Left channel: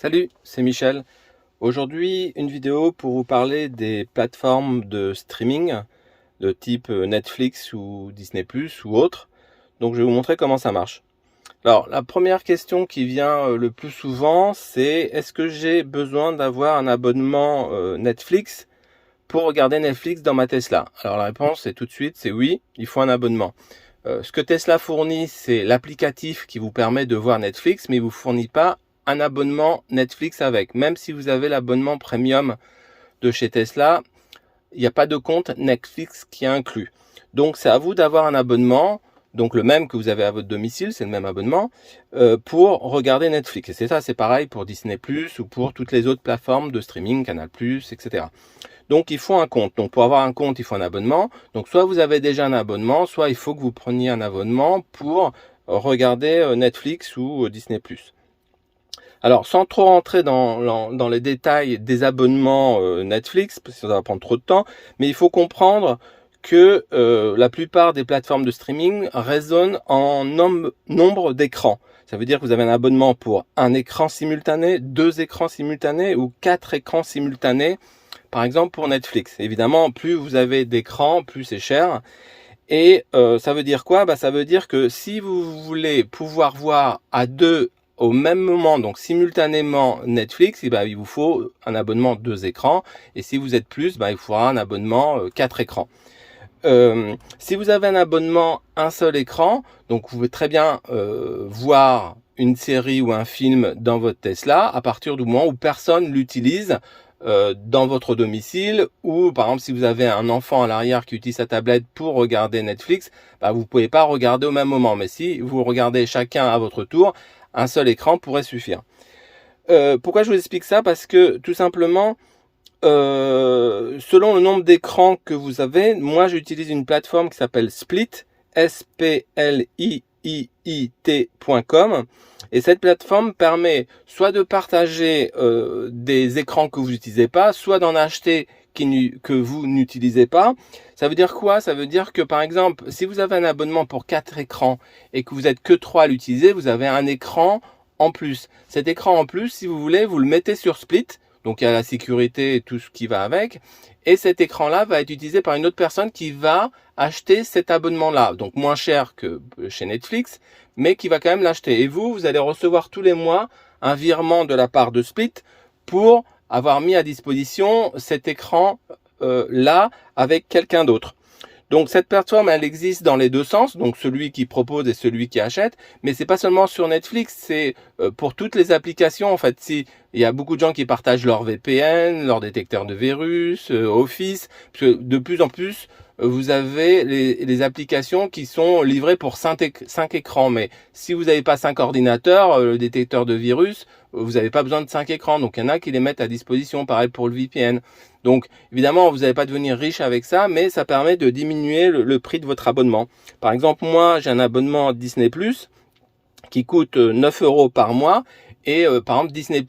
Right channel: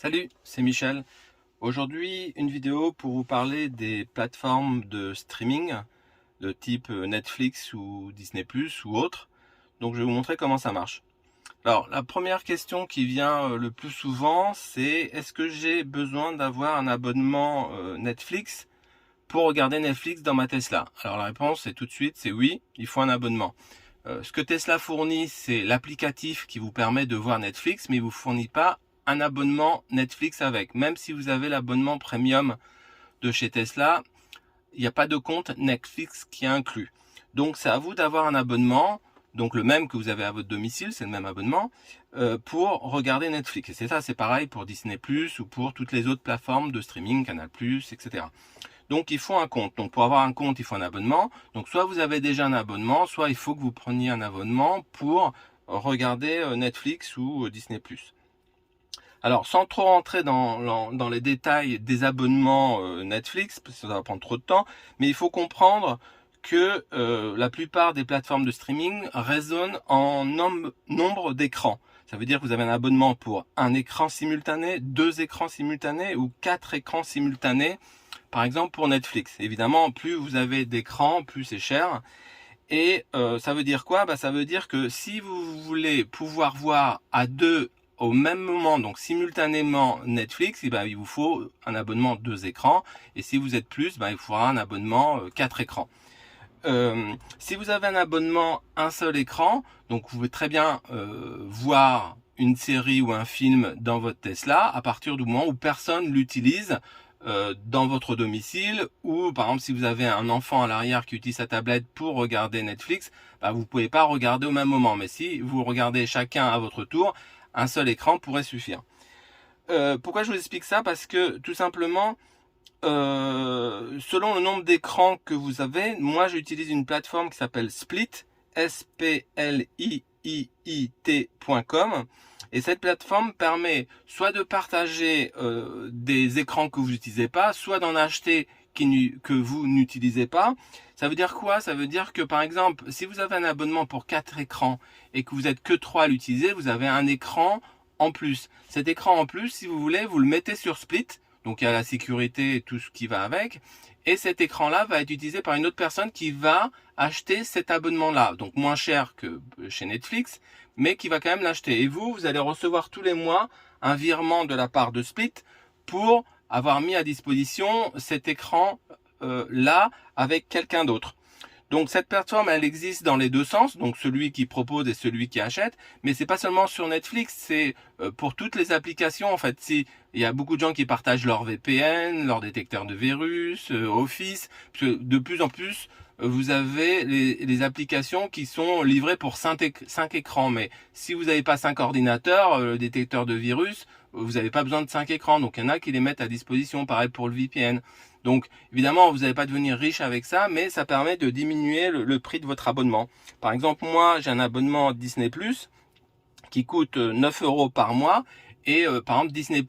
Salut, c'est Michel. Aujourd'hui, une vidéo pour vous parler des plateformes de streaming de type Netflix ou Disney+ ou autre. Donc je vais vous montrer comment ça marche. Alors, la première question qui vient le plus souvent, c'est est-ce que j'ai besoin d'avoir un abonnement Netflix pour regarder Netflix dans ma Tesla? Alors la réponse est tout de suite, c'est oui, il faut un abonnement. Ce que Tesla fournit, c'est l'applicatif qui vous permet de voir Netflix, mais il ne vous fournit pas un abonnement Netflix avec. Même si vous avez l'abonnement premium de chez Tesla, il n'y a pas de compte Netflix qui est inclus. Donc c'est à vous d'avoir un abonnement, donc le même que vous avez à votre domicile, c'est le même abonnement, pour regarder Netflix. Et c'est ça, c'est pareil pour Disney+, ou pour toutes les autres plateformes de streaming, Canal+, etc. Donc il faut un compte. Donc pour avoir un compte, il faut un abonnement. Donc soit vous avez déjà un abonnement, soit il faut que vous preniez un abonnement pour regarder Netflix ou Disney+. Alors sans trop rentrer dans les détails des abonnements Netflix, parce que ça va prendre trop de temps, mais il faut comprendre que la plupart des plateformes de streaming raisonnent en nombre d'écrans. Ça veut dire que vous avez un abonnement pour un écran simultané, 2 écrans simultanés ou 4 écrans simultanés. Par exemple pour Netflix, évidemment, plus vous avez d'écran, plus c'est cher. Et ça veut dire quoi? Ça veut dire que si vous voulez pouvoir voir à deux au même moment, donc simultanément Netflix, il vous faut un abonnement 2 écrans. Et si vous êtes plus, il faudra un abonnement 4 écrans. Si vous avez un abonnement un seul écran, donc vous pouvez très bien voir une série ou un film dans votre Tesla à partir du moment où personne l'utilise dans votre domicile, ou par exemple si vous avez un enfant à l'arrière qui utilise sa tablette pour regarder Netflix, vous ne pouvez pas regarder au même moment. Mais si vous regardez chacun à votre tour, un seul écran pourrait suffire. Pourquoi je vous explique ça? Parce que tout simplement, selon le nombre d'écrans que vous avez, moi j'utilise une plateforme qui s'appelle Split, spliit.com, et cette plateforme permet soit de partager des écrans que vous n'utilisez pas, soit d'en acheter que vous n'utilisez pas. Ça veut dire quoi? Ça veut dire que par exemple, si vous avez un abonnement pour 4 écrans et que vous n'êtes que 3 à l'utiliser, vous avez un écran en plus. Cet écran en plus, si vous voulez, vous le mettez sur Split. Donc il y a la sécurité et tout ce qui va avec. Et cet écran-là va être utilisé par une autre personne qui va acheter cet abonnement-là. Donc moins cher que chez Netflix, mais qui va quand même l'acheter. Et vous allez recevoir tous les mois un virement de la part de Split pour avoir mis à disposition cet écran-là avec quelqu'un d'autre. Donc cette plateforme, elle existe dans les deux sens, donc celui qui propose et celui qui achète, mais c'est pas seulement sur Netflix, c'est pour toutes les applications. En fait, si il y a beaucoup de gens qui partagent leur VPN, leur détecteur de virus, Office, parce que de plus en plus, vous avez les applications qui sont livrées pour 5 écrans. Mais si vous n'avez pas 5 ordinateurs, le détecteur de virus, vous n'avez pas besoin de 5 écrans. Donc il y en a qui les mettent à disposition, pareil pour le VPN. Donc évidemment, vous n'allez pas devenir riche avec ça, mais ça permet de diminuer le prix de votre abonnement. Par exemple, moi, j'ai un abonnement Disney+, qui coûte 9 € par mois, et par exemple, Disney+,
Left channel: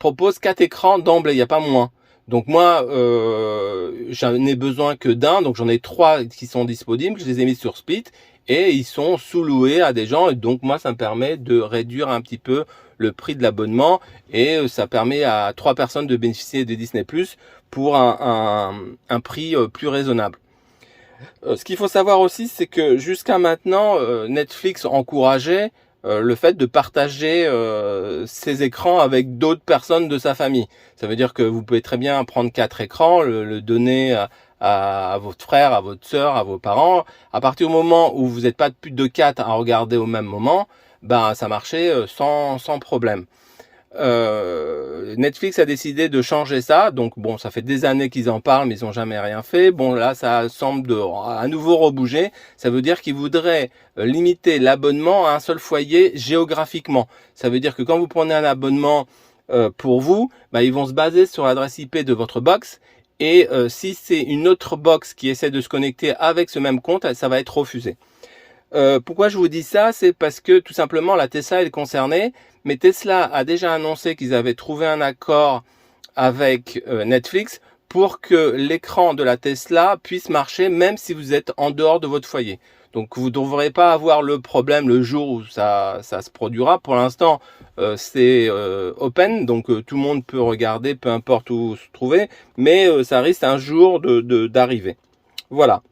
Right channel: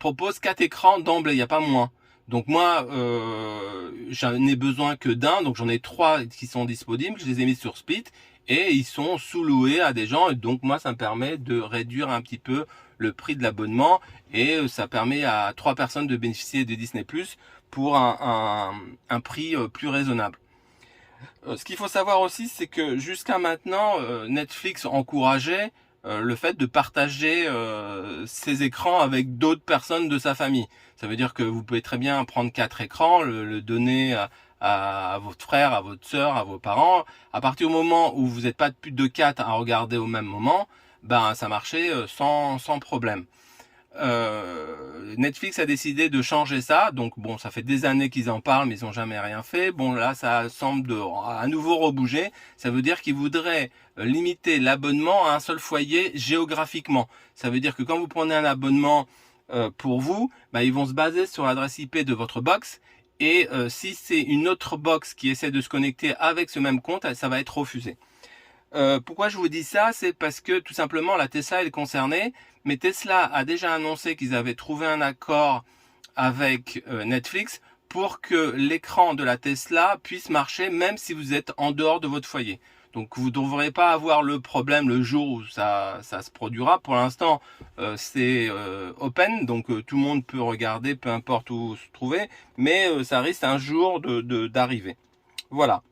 propose 4 écrans d'emblée, il n'y a pas moins. Donc moi, j'en ai besoin que d'un, donc j'en ai 3 qui sont disponibles, je les ai mis sur Split, et ils sont sous-loués à des gens, et donc moi, ça me permet de réduire un petit peu le prix de l'abonnement, et ça permet à 3 personnes de bénéficier de Disney+ pour un prix plus raisonnable. Ce qu'il faut savoir aussi, c'est que jusqu'à maintenant, Netflix encourageait le fait de partager ses écrans avec d'autres personnes de sa famille. Ça veut dire que vous pouvez très bien prendre 4 écrans, le donner à votre frère, à votre soeur, à vos parents. À partir du moment où vous n'êtes pas plus de 4 à regarder au même moment, ça marchait sans problème. Netflix a décidé de changer ça, donc bon, ça fait des années qu'ils en parlent, mais ils n'ont jamais rien fait. Bon, là, ça semble à nouveau rebouger. Ça veut dire qu'ils voudraient limiter l'abonnement à un seul foyer géographiquement. Ça veut dire que quand vous prenez un abonnement pour vous, ils vont se baser sur l'adresse IP de votre box. Et si c'est une autre box qui essaie de se connecter avec ce même compte, ça va être refusé. Pourquoi je vous dis ça? C'est parce que tout simplement la Tesla est concernée, mais Tesla a déjà annoncé qu'ils avaient trouvé un accord avec Netflix pour que l'écran de la Tesla puisse marcher même si vous êtes en dehors de votre foyer. Donc vous ne devrez pas avoir le problème le jour où ça se produira. Pour l'instant, c'est open, donc tout le monde peut regarder, peu importe où se trouver, mais ça risque un jour d'arriver. Voilà.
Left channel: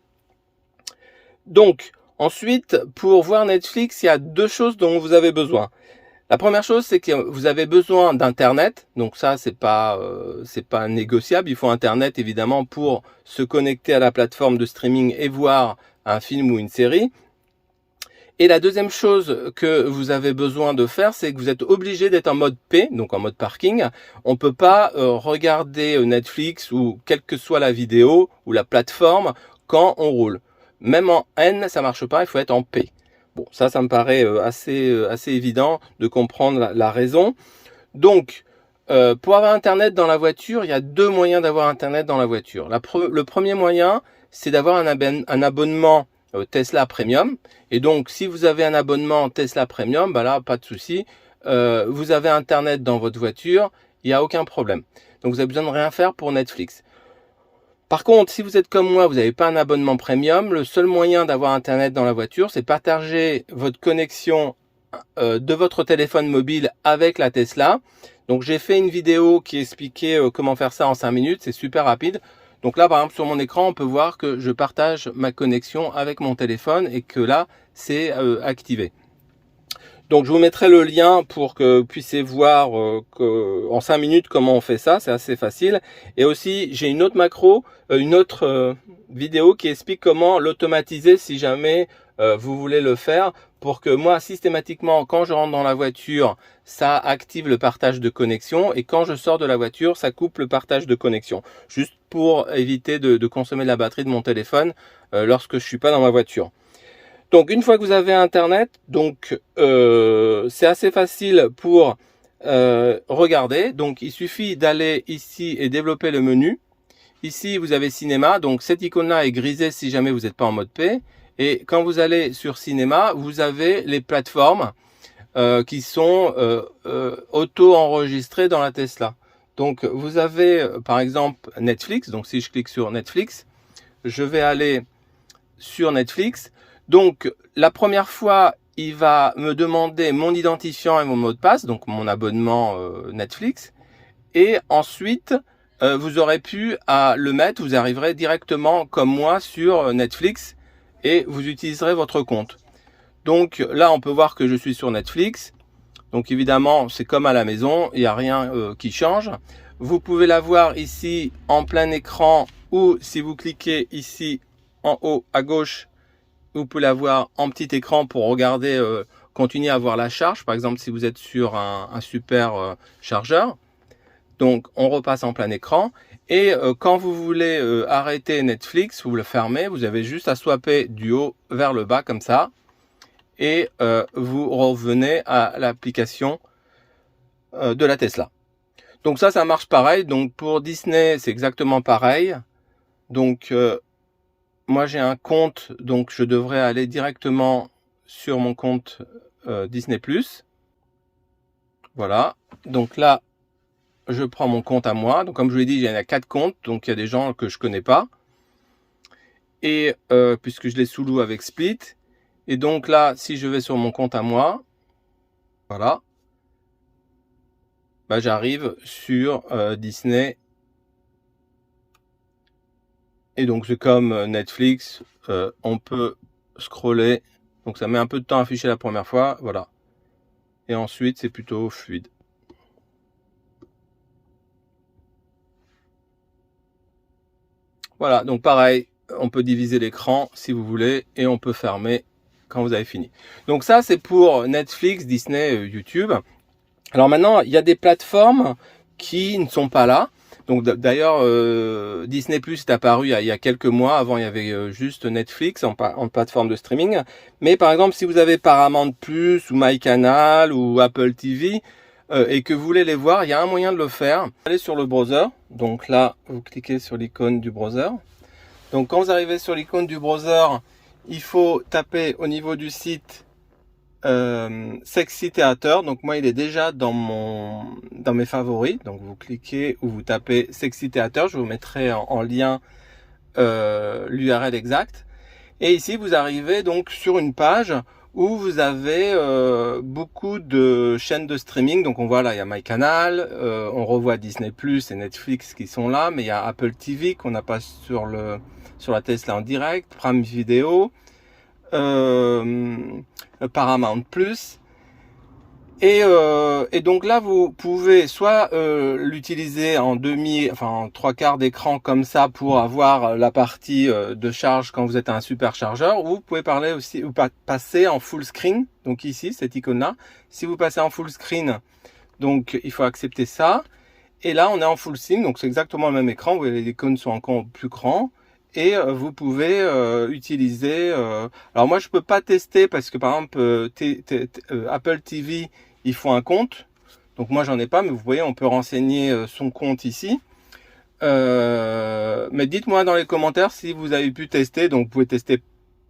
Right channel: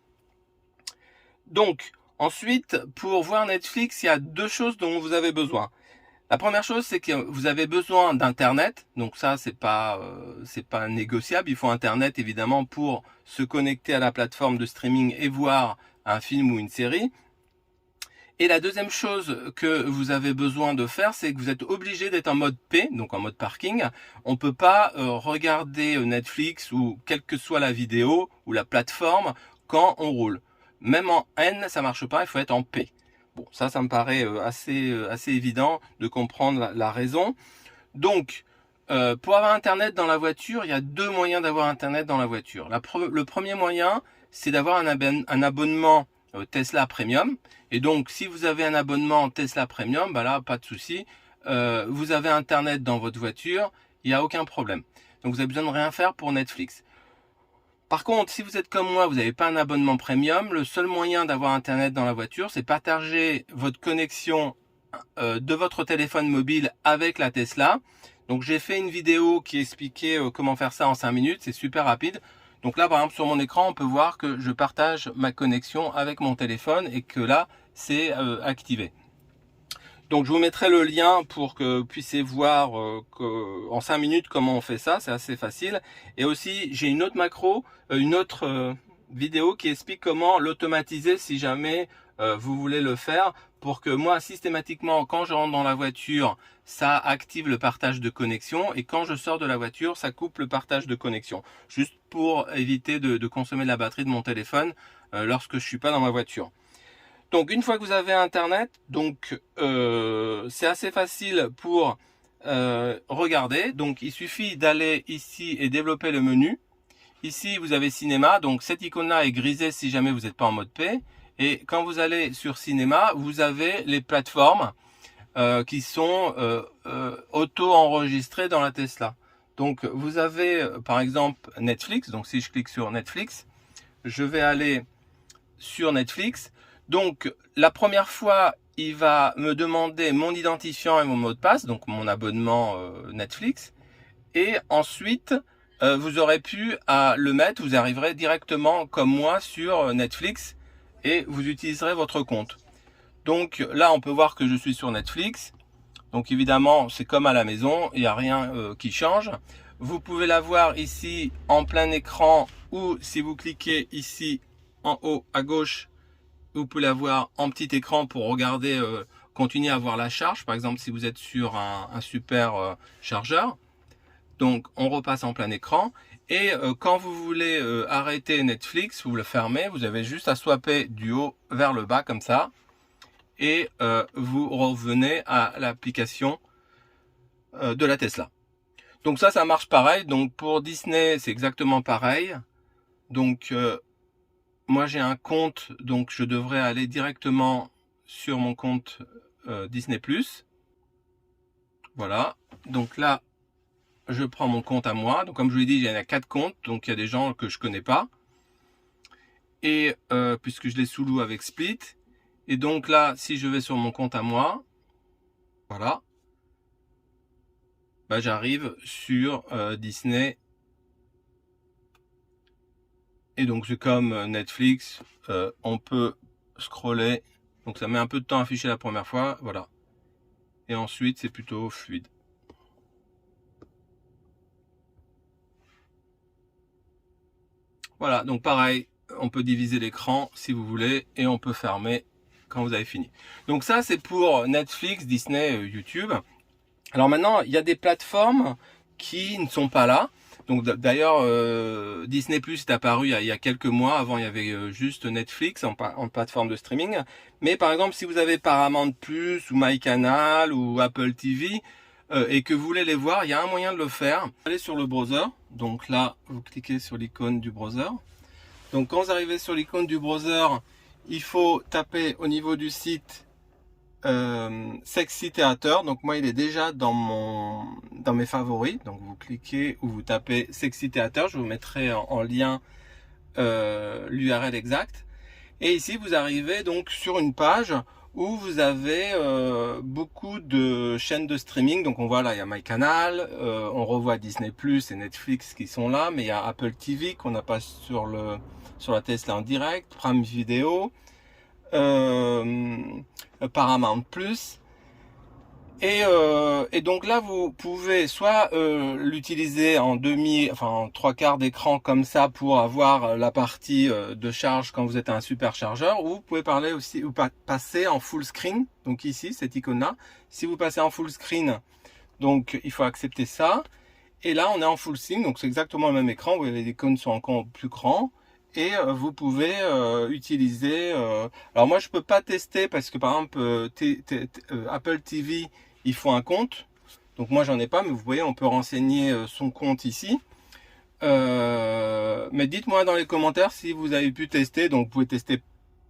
Donc, ensuite, pour voir Netflix, il y a deux choses dont vous avez besoin. La première chose, c'est que vous avez besoin d'Internet. Donc ça, c'est pas négociable. Il faut Internet, évidemment, pour se connecter à la plateforme de streaming et voir un film ou une série. Et la deuxième chose que vous avez besoin de faire, c'est que vous êtes obligé d'être en mode P, donc en mode parking. On ne peut pas regarder Netflix ou quelle que soit la vidéo ou la plateforme quand on roule. Même en N, ça marche pas, il faut être en P. Bon, ça me paraît assez évident de comprendre la raison. Donc, pour avoir Internet dans la voiture, il y a deux moyens d'avoir Internet dans la voiture. Le premier moyen, c'est d'avoir un abonnement Tesla Premium. Et donc, si vous avez un abonnement Tesla Premium, bah là, pas de souci. Vous avez Internet dans votre voiture, il n'y a aucun problème. Donc, vous avez besoin de rien faire pour Netflix. Par contre, si vous êtes comme moi, vous n'avez pas un abonnement Premium, le seul moyen d'avoir Internet dans la voiture, c'est partager votre connexion de votre téléphone mobile avec la Tesla. Donc, j'ai fait une vidéo qui expliquait comment faire ça en 5 minutes. C'est super rapide. Donc là, par exemple, sur mon écran, on peut voir que je partage ma connexion avec mon téléphone et que là, c'est activé. Donc, je vous mettrai le lien pour que vous puissiez voir en 5 minutes comment on fait ça. C'est assez facile. Et aussi, j'ai une autre macro, une autre vidéo qui explique comment l'automatiser si jamais vous voulez le faire, pour que moi, systématiquement, quand je rentre dans la voiture, ça active le partage de connexion, et quand je sors de la voiture, ça coupe le partage de connexion, juste pour éviter de consommer la batterie de mon téléphone lorsque je suis pas dans ma voiture. Donc une fois que vous avez Internet, donc c'est assez facile pour regarder. Donc il suffit d'aller ici et développer le menu. Ici vous avez cinéma, donc cette icône-là est grisée si jamais vous n'êtes pas en mode P. Et quand vous allez sur cinéma, vous avez les plateformes qui sont auto-enregistrées dans la Tesla. Donc vous avez par exemple Netflix. Donc si je clique sur Netflix, je vais aller sur Netflix. Donc la première fois, il va me demander mon identifiant et mon mot de passe, donc mon abonnement Netflix. Et ensuite, vous aurez pu à le mettre, vous arriverez directement comme moi sur Netflix et vous utiliserez votre compte. Donc là, on peut voir que je suis sur Netflix. Donc évidemment, c'est comme à la maison, il n'y a rien qui change. Vous pouvez la voir ici en plein écran, ou si vous cliquez ici en haut à gauche, vous pouvez la voir en petit écran pour regarder, continuer à voir la charge. Par exemple, si vous êtes sur un super chargeur. Donc, on repasse en plein écran. Et quand vous voulez arrêter Netflix, vous le fermez. Vous avez juste à swapper du haut vers le bas comme ça. Et vous revenez à l'application de la Tesla. Donc ça marche pareil. Donc pour Disney, c'est exactement pareil. Donc moi j'ai un compte, donc je devrais aller directement sur mon compte Disney+. Voilà. Donc là, je prends mon compte à moi. Donc comme je vous l'ai dit, il y en a 4 comptes. Donc il y a des gens que je connais pas. Et puisque je les sous-loue avec Split. Et donc là, si je vais sur mon compte à moi, voilà, bah, j'arrive sur Disney. Et donc c'est comme Netflix, on peut scroller. Donc ça met un peu de temps à afficher la première fois, voilà. Et ensuite c'est plutôt fluide. Voilà, donc pareil, on peut diviser l'écran si vous voulez et on peut fermer quand vous avez fini. Donc ça c'est pour Netflix, Disney, YouTube. Alors maintenant, il y a des plateformes qui ne sont pas là. Donc d'ailleurs, Disney Plus est apparu il y a quelques mois. Avant, il y avait juste Netflix en plateforme de streaming. Mais par exemple, si vous avez Paramount Plus ou MyCanal ou Apple TV et que vous voulez les voir, il y a un moyen de le faire. Vous allez sur le browser. Donc là, vous cliquez sur l'icône du browser. Donc quand vous arrivez sur l'icône du browser, il faut taper au niveau du site Sexy Theater. Donc moi il est déjà dans mes favoris, donc vous cliquez ou vous tapez Sexy Theater, je vous mettrai en lien l'URL exact. Et ici, vous arrivez donc sur une page où vous avez beaucoup de chaînes de streaming. Donc on voit là, il y a MyCanal, on revoit Disney Plus et Netflix qui sont là, mais il y a Apple TV qu'on n'a pas sur la Tesla en direct, Prime Video, Paramount Plus. Et donc là, vous pouvez soit l'utiliser en en trois quarts d'écran comme ça pour avoir la partie de charge quand vous êtes à un superchargeur, ou vous pouvez parler aussi ou passer en full screen. Donc ici, cette icône-là, si vous passez en full screen, donc il faut accepter ça. Et là, on est en full screen, donc c'est exactement le même écran. Vous voyez, les icônes sont encore plus grands. Et vous pouvez utiliser. Alors moi, je peux pas tester parce que par exemple, Apple TV, il faut un compte. Donc moi, j'en ai pas, mais vous voyez, on peut renseigner son compte ici. Mais dites-moi dans les commentaires si vous avez pu tester. Donc vous pouvez tester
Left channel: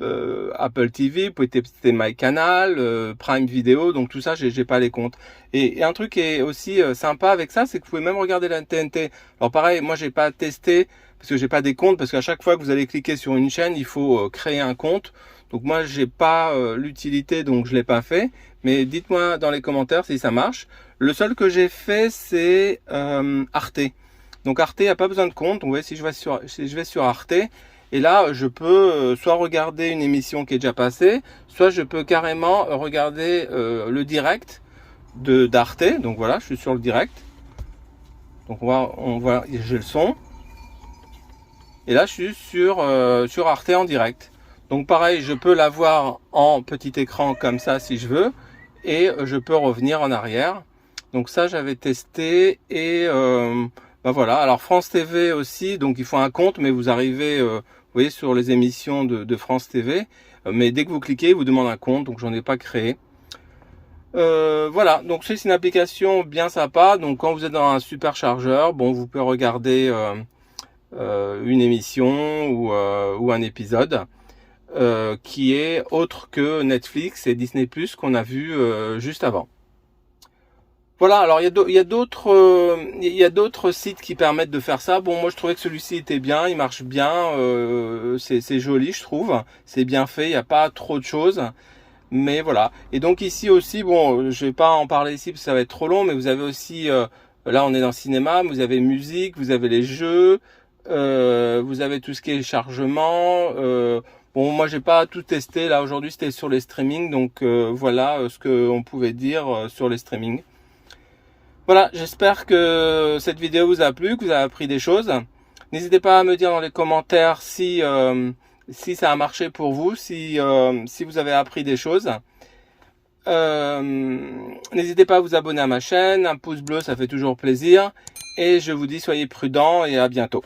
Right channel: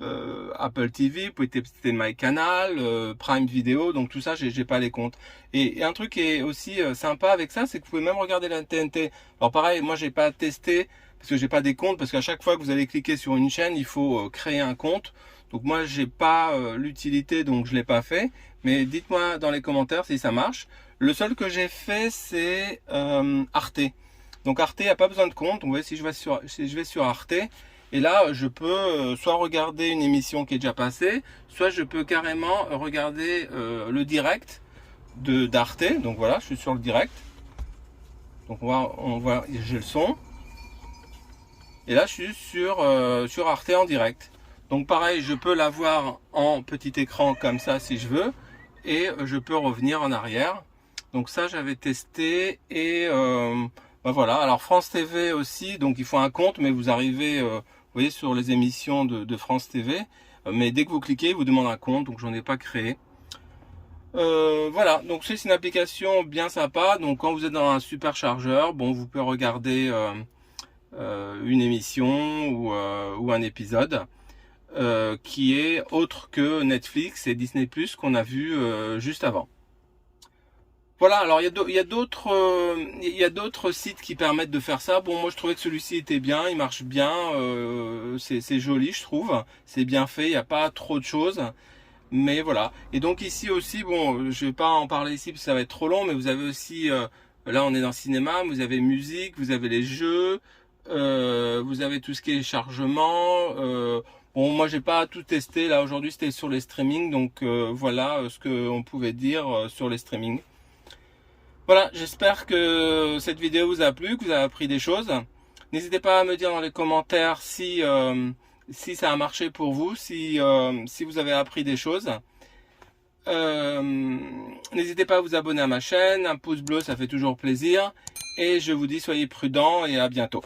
Apple TV, vous pouvez tester MyCanal, Prime Video. Donc tout ça, j'ai pas les comptes. Et un truc qui est aussi sympa avec ça, c'est que vous pouvez même regarder la TNT. Alors pareil, moi, j'ai pas testé parce que j'ai pas des comptes, parce qu'à chaque fois que vous allez cliquer sur une chaîne, il faut créer un compte. Donc moi, j'ai pas l'utilité, donc je l'ai pas fait. Mais dites-moi dans les commentaires si ça marche. Le seul que j'ai fait, c'est Arte. Donc Arte, il n'y a pas besoin de compte. Donc vous voyez, si je vais sur Arte, et là, je peux soit regarder une émission qui est déjà passée, soit je peux carrément regarder le direct d'Arte. Donc voilà, je suis sur le direct. Donc on voit, j'ai le son. Et là, je suis sur Arte en direct. Donc pareil, je peux l'avoir en petit écran comme ça si je veux. Et je peux revenir en arrière. Donc ça, j'avais testé. Et ben voilà. Alors France TV aussi, donc il faut un compte. Mais vous arrivez, vous voyez, sur les émissions de France TV. Mais dès que vous cliquez, il vous demande un compte. Donc j'en ai pas créé. Voilà, donc c'est une application bien sympa. Donc quand vous êtes dans un superchargeur, bon, vous pouvez regarder une émission ou un épisode qui est autre que Netflix et Disney Plus qu'on a vu juste avant. Voilà, alors il y a d'autres sites qui permettent de faire ça. Bon, moi je trouvais que celui-ci était bien, il marche bien, c'est joli je trouve, c'est bien fait, il n'y a pas trop de choses. Mais voilà. Et donc ici aussi, bon, je vais pas en parler ici parce que ça va être trop long, mais vous avez aussi, là on est dans le cinéma, vous avez musique, vous avez les jeux, vous avez tout ce qui est chargement. Bon, moi j'ai pas tout testé, là aujourd'hui c'était sur les streamings, donc voilà ce qu'on pouvait dire sur les streamings. Voilà, j'espère que cette vidéo vous a plu, que vous avez appris des choses. N'hésitez pas à me dire dans les commentaires si ça a marché pour vous, si vous avez appris des choses. N'hésitez pas à vous abonner à ma chaîne, un pouce bleu ça fait toujours plaisir. Et je vous dis soyez prudents et à bientôt.